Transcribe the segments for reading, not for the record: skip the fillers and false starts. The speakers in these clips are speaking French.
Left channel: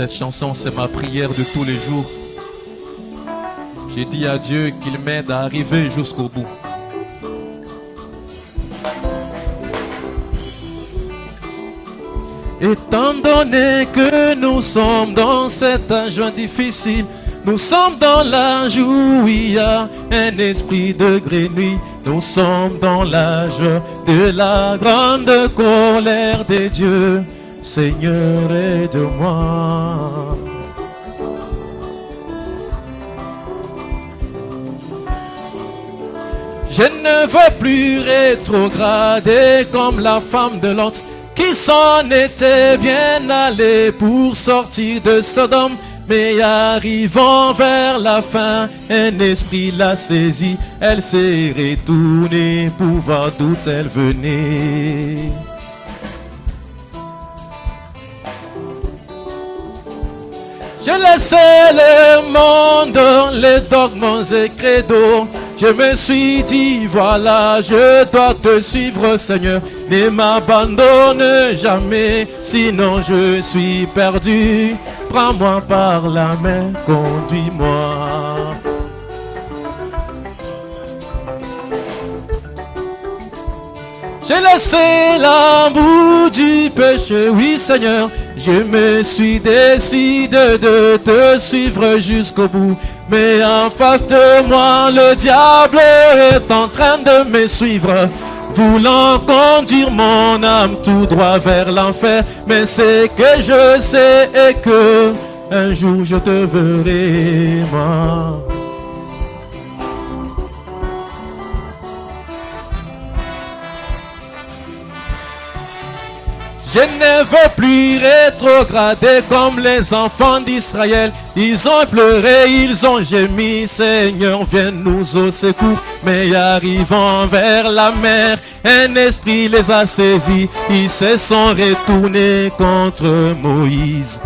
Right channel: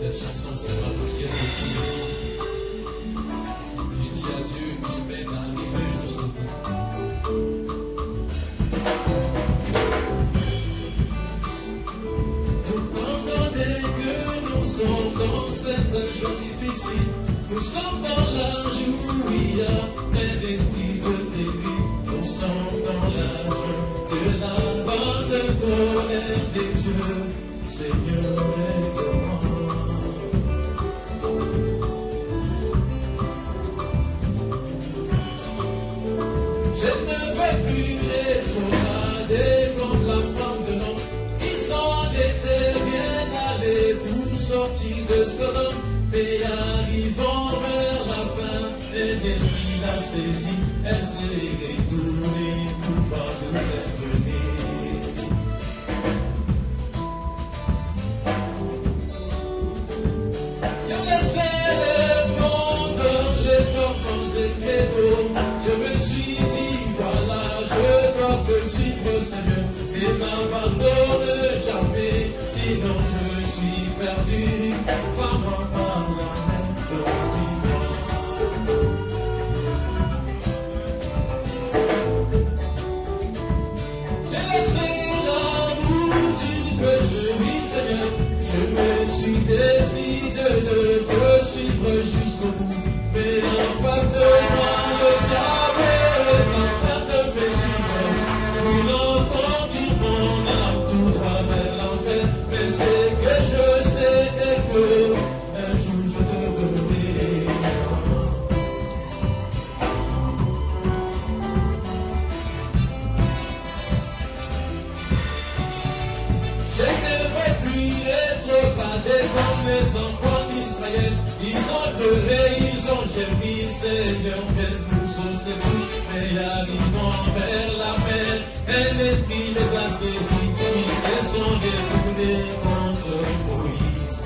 Cette chanson, c'est ma prière de tous les jours. J'ai dit à Dieu qu'il m'aide à arriver jusqu'au bout. Étant donné que nous sommes dans cet âge difficile, nous sommes dans l'âge où il y a un esprit de grenouille. Nous sommes dans l'âge de la grande colère des dieux. Seigneur, aide-moi. Je ne veux plus rétrograder comme la femme de Lot qui s'en était bien allée pour sortir de Sodome. Mais arrivant vers la fin, un esprit l'a saisie. Elle s'est retournée pour voir d'où elle venait. Je laissais le monde, les dogmes et credos. Je me suis dit, voilà, je dois te suivre, Seigneur. Ne m'abandonne jamais, sinon je suis perdu. Prends-moi par la main, conduis-moi. J'ai laissé l'amour du péché, oui Seigneur. Je me suis décidé de te suivre jusqu'au bout. Mais en face de moi, le diable est en train de me suivre, voulant conduire mon âme tout droit vers l'enfer. Mais c'est que je sais et que un jour je te verrai, moi. Je ne veux plus rétrograder comme les enfants d'Israël. Ils ont pleuré, ils ont gémi. Seigneur, viens nous au secours. Mais arrivant vers la mer, un esprit les a saisis. Ils se sont retournés contre Moïse.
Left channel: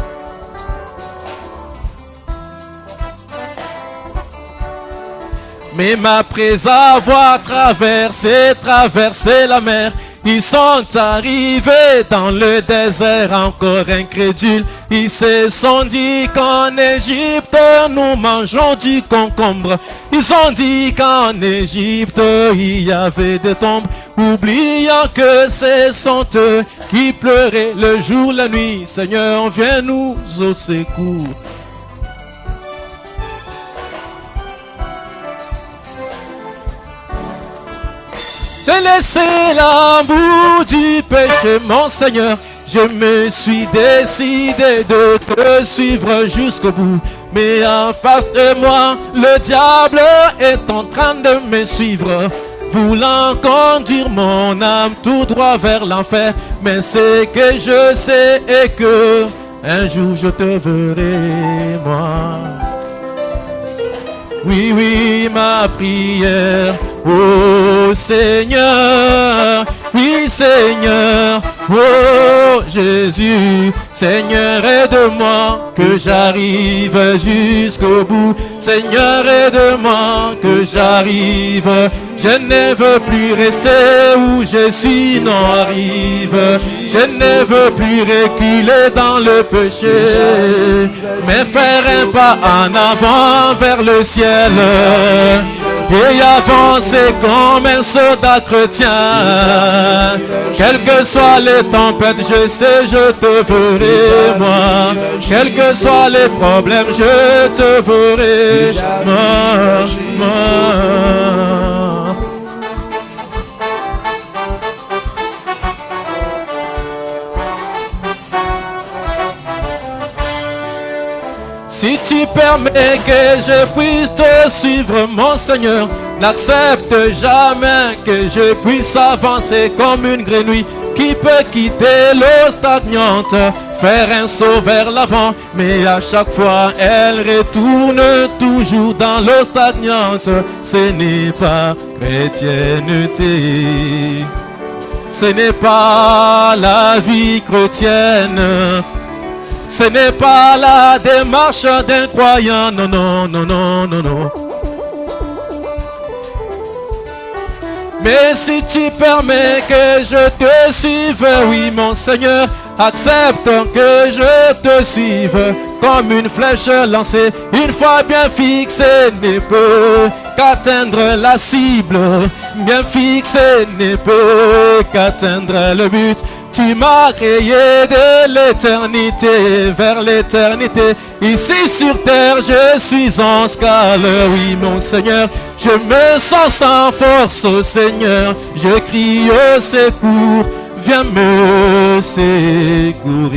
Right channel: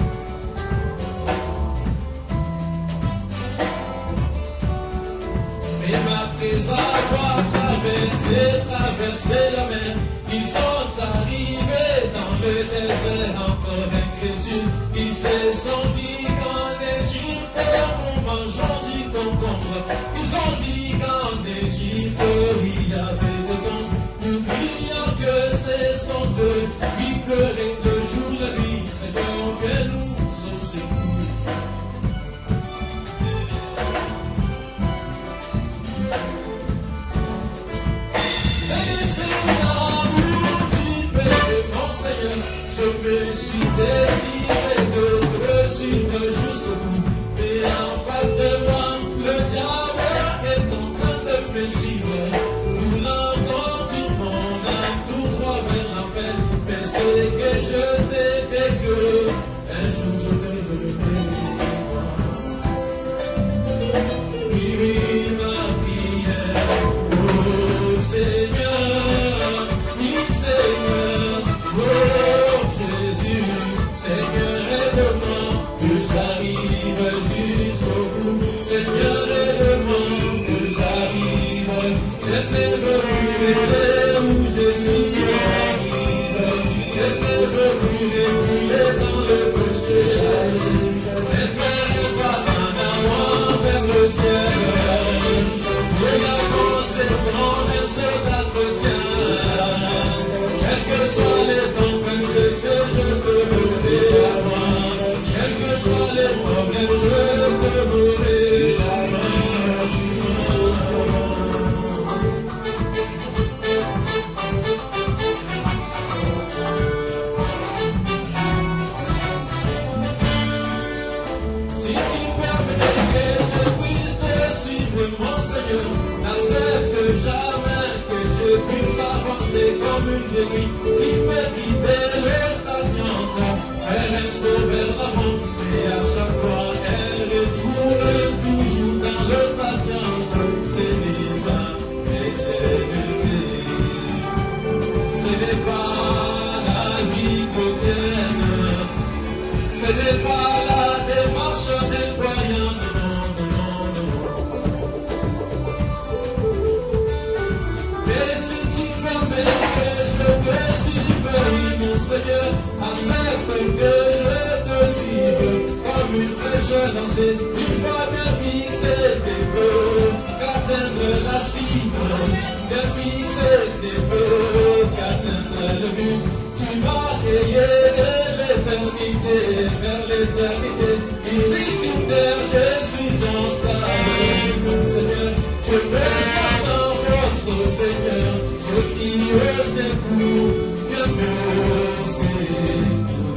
Mais après avoir traversé la mer, ils sont arrivés dans le désert encore incrédules. Ils se sont dit qu'en Égypte nous mangeons du concombre. Ils ont dit qu'en Égypte il y avait des tombes, oubliant que ce sont eux qui pleuraient le jour, la nuit. Seigneur, viens nous au secours. J'ai laissé l'amour du péché, mon Seigneur. Je me suis décidé de te suivre jusqu'au bout. Mais en face de moi, le diable est en train de me suivre, voulant conduire mon âme tout droit vers l'enfer. Mais c'est que je sais et que un jour je te verrai, moi. Oui, oui, ma prière, oh Seigneur, oui Seigneur, oh Jésus, Seigneur aide-moi que j'arrive jusqu'au bout. Seigneur aide-moi que j'arrive, je ne veux plus rester où je suis, non arrive. Je ne veux plus reculer dans le péché, mais faire un pas en avant vers le ciel et avancer comme un soldat chrétien. Quelles que soient les tempêtes, je sais, je te verrai, moi. Quels que soient les problèmes, je te verrai, moi. Si tu permets que je puisse te suivre, mon Seigneur, n'accepte jamais que je puisse avancer comme une grenouille qui peut quitter l'eau stagnante, faire un saut vers l'avant, mais à chaque fois elle retourne toujours dans l'eau stagnante. Ce n'est pas chrétienté, ce n'est pas la vie chrétienne. Ce n'est pas la démarche d'un croyant, non. Mais si tu permets que je te suive, oui mon Seigneur, accepte que je te suive. Comme une flèche lancée, une fois bien fixée, ne peut qu'atteindre la cible. Bien fixée, ne peut qu'atteindre le but. Tu m'as créé de l'éternité vers l'éternité. Ici sur terre, je suis en esclave. Oui, mon Seigneur, je me sens sans force, oh Seigneur. Je crie au secours, viens me secourir.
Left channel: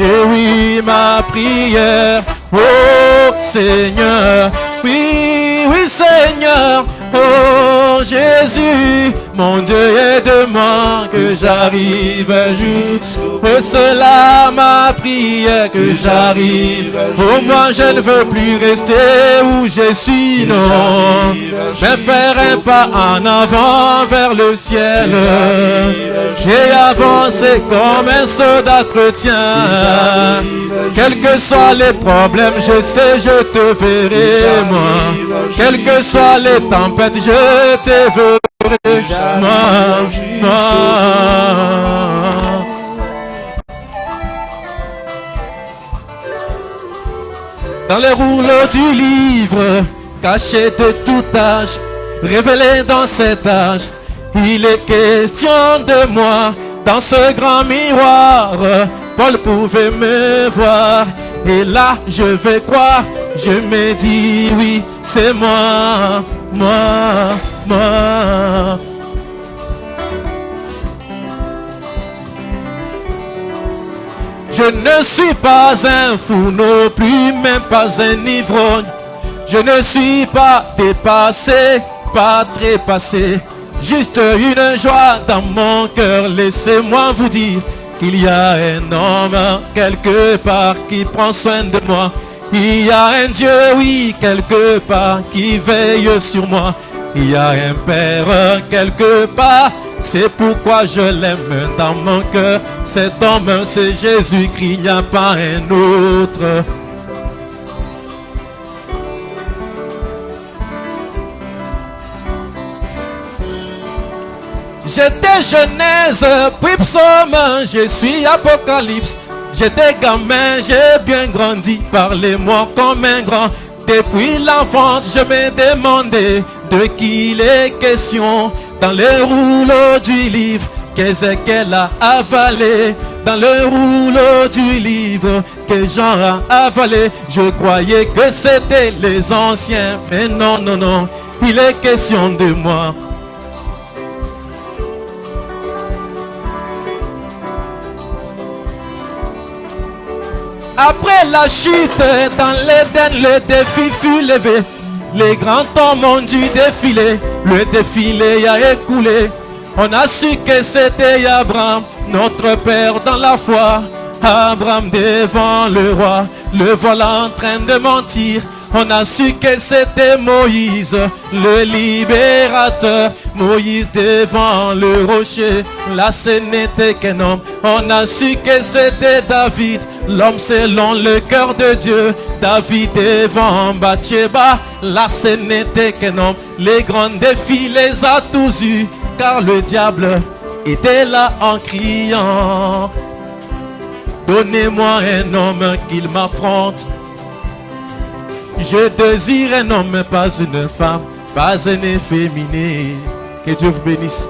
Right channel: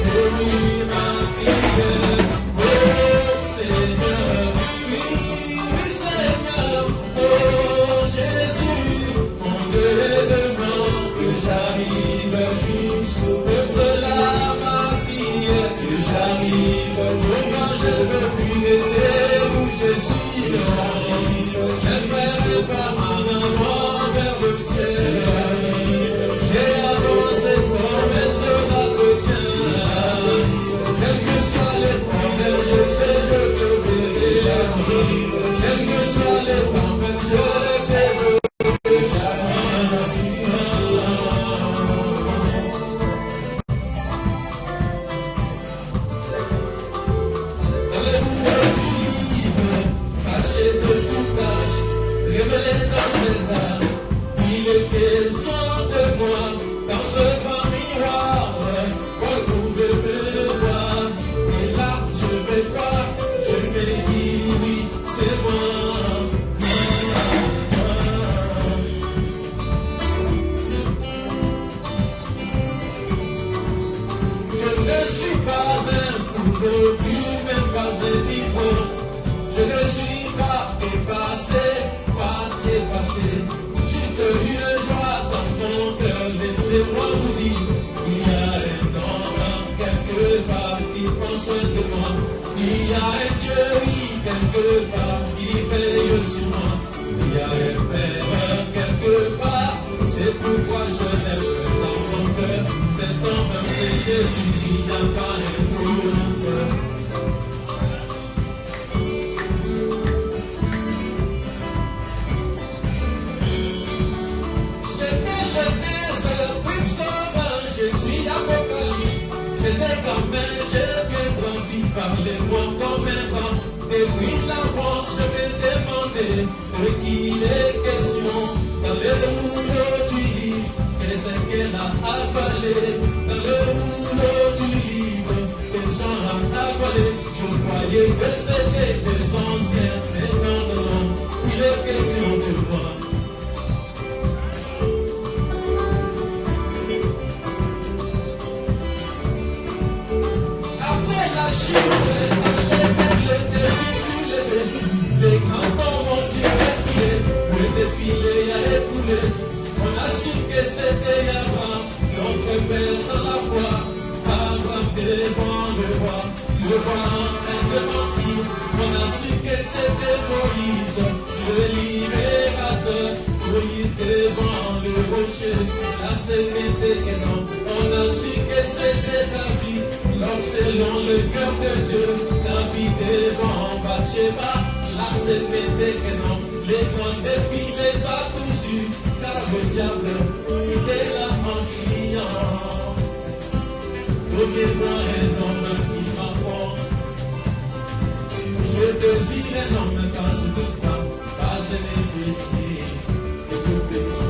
Et oui, ma prière, oh Seigneur, oui, oui Seigneur, oh Jésus, mon Dieu, aide-moi que j'arrive jusqu'au cela ma prière, que j'arrive. Oh moi je ne veux plus rester où je suis, non, mais faire un pas en avant vers le ciel. J'ai avancé comme un soldat chrétien. Quels que soient les problèmes, je sais, je te verrai, moi. Quelles que soient les tempêtes, je te verrai, moi. Dans les rouleaux du livre, caché de tout âge, révélé dans cet âge, il est question de moi. Dans ce grand miroir, Paul pouvait me voir. Et là, je vais croire, je me dis oui, c'est moi, moi. Je ne suis pas un fou non plus, même pas un ivrogne. Je ne suis pas dépassé, pas trépassé. Juste une joie dans mon cœur, laissez-moi vous dire qu'il y a un homme quelque part qui prend soin de moi. Il y a un Dieu, oui, quelque part qui veille sur moi. Il y a un Père quelque part, c'est pourquoi je l'aime dans mon cœur. Cet homme, c'est Jésus-Christ, il n'y a pas un autre. J'étais Genèse, puis Psaume, je suis Apocalypse. J'étais gamin, j'ai bien grandi, parlez-moi comme un grand. Depuis l'enfance, je me demandais de qui il est question. Dans les rouleaux du livre qu'Ézéchiel a avalé, dans le rouleau du livre que Jean a avalé, je croyais que c'était les anciens, mais non, non, non, il est question de moi. Après la chute, dans l'Éden, le défi fut levé. Les grands hommes ont dû défiler, le défilé a écoulé. On a su que c'était Abraham, notre père dans la foi. Abraham devant le roi, le voilà en train de mentir. On a su que c'était Moïse, le libérateur. Moïse devant le rocher, là ce n'était qu'un homme. On a su que c'était David, l'homme selon le cœur de Dieu. David devant Bathsheba, là ce n'était qu'un homme. Les grands défis les a tous eus, car le diable était là en criant. Donnez-moi un homme qu'il m'affronte. Je désire un homme, pas une femme, pas un efféminé. Que Dieu vous bénisse.